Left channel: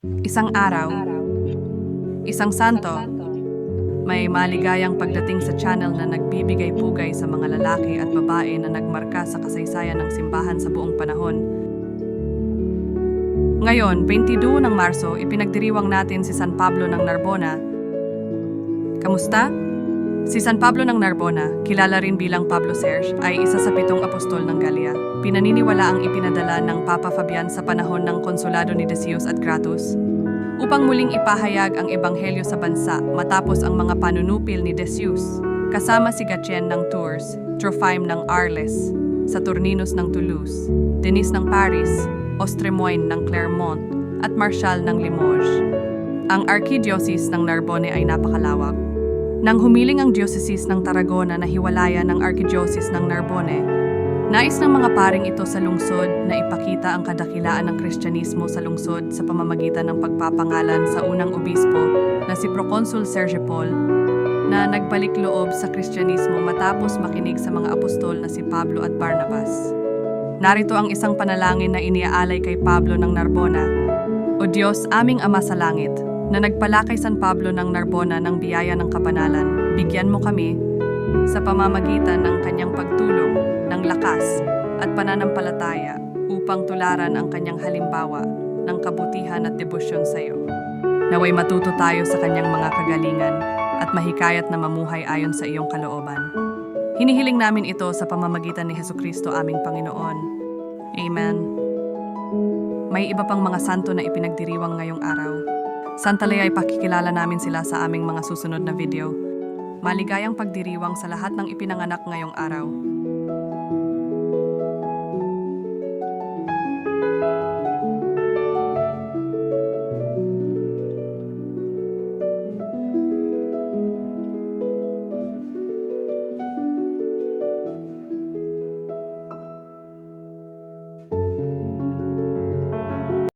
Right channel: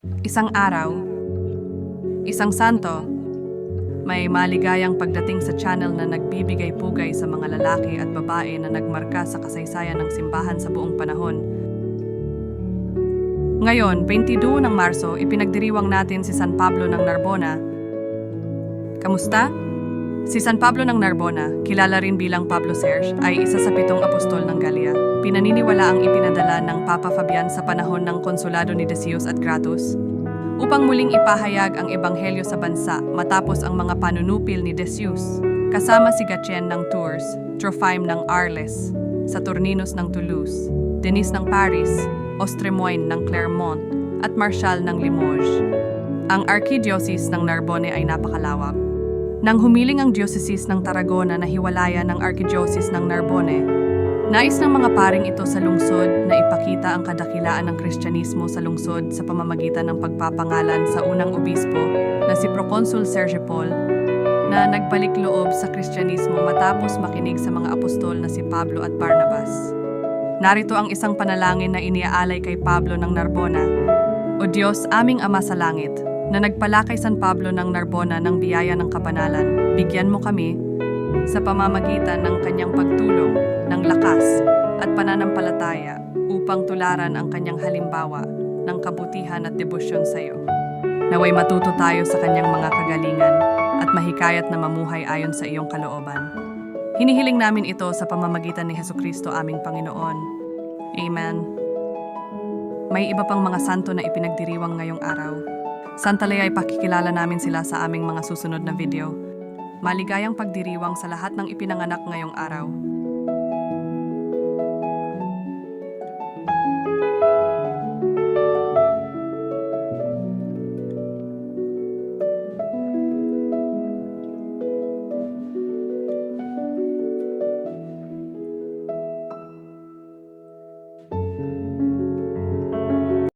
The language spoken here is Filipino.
Isang araw, isang santo, may maligayang pagdating sa channel na nagbibigay pugay sa mga lalaki at babae na nagmarka sa kasaysayan ng simbahan sa buong panahon. Ngayon, 22 ng Marso, ipinagdiriwang natin si San Pablo ng Narbona. Kamusta? Si San Pablo ng Narbona, kilala rin bilang Pablo Serge, ay isa sa pitong apostol ng Galia. Pinaniniwala ang ipinadala ng Papa Fabian sa panahon ng konsulado ni Decius at Gratus upang muling ipahayag ang ebanghelyo sa bansa matapos ang mga panunupil ni Decius, kasama si Gatien ng Tours, Trophime ng Arles, Saturninus ng Toulouse, Denis ng Paris, Ostremoine ng Clermont, at Marshal ng Limoges. Ang Archdiocese ng Narbonne ay napakalawak. Nang humiling ang Diocese ng Tarragona na hiwalayan ng Archdiocese ng Narbonne, Nais ng mga paring ito sa lungsod na ipakita ang kadakilaan ng Kristyanismo sa lungsod sa pamamagitan ng pagpapangalan sa unang obispo na si Proconsul Sergio Paul na nagbalik loob sa Kristyanismo matapos makinig sa mga apostol na si Pablo at Barnabas. Narito ang isang panalangin na iniaalay kay Pablo ng Narbona. O Diyos, aming Ama sa Langit, na nagpala kay San Pablo ng Narbona ng biyaya ng kabanalan, bigyan mo kami sa pamamagitan ng kanyang pagtulong, ng lakas at pananampalataya upang tularan ang kanyang halimbawa ng kabutihan at debosyon sa iyo. Naway matuto tayo sa kanyang mga kagalingan at mahikayat na mamuhay ayon sa iyong kalooban. Hinihiling namin ito sa pamamagitan ni Heso Kristo aming Panginoon. Amen. May iba pang mga santo na ipinagdiriwang ngayong araw. Santalay ay pakikilala namin sila sa aming mga susunod na video. Maligayang pagdiriwang sa lahat ng ipinanganak ngayong araw.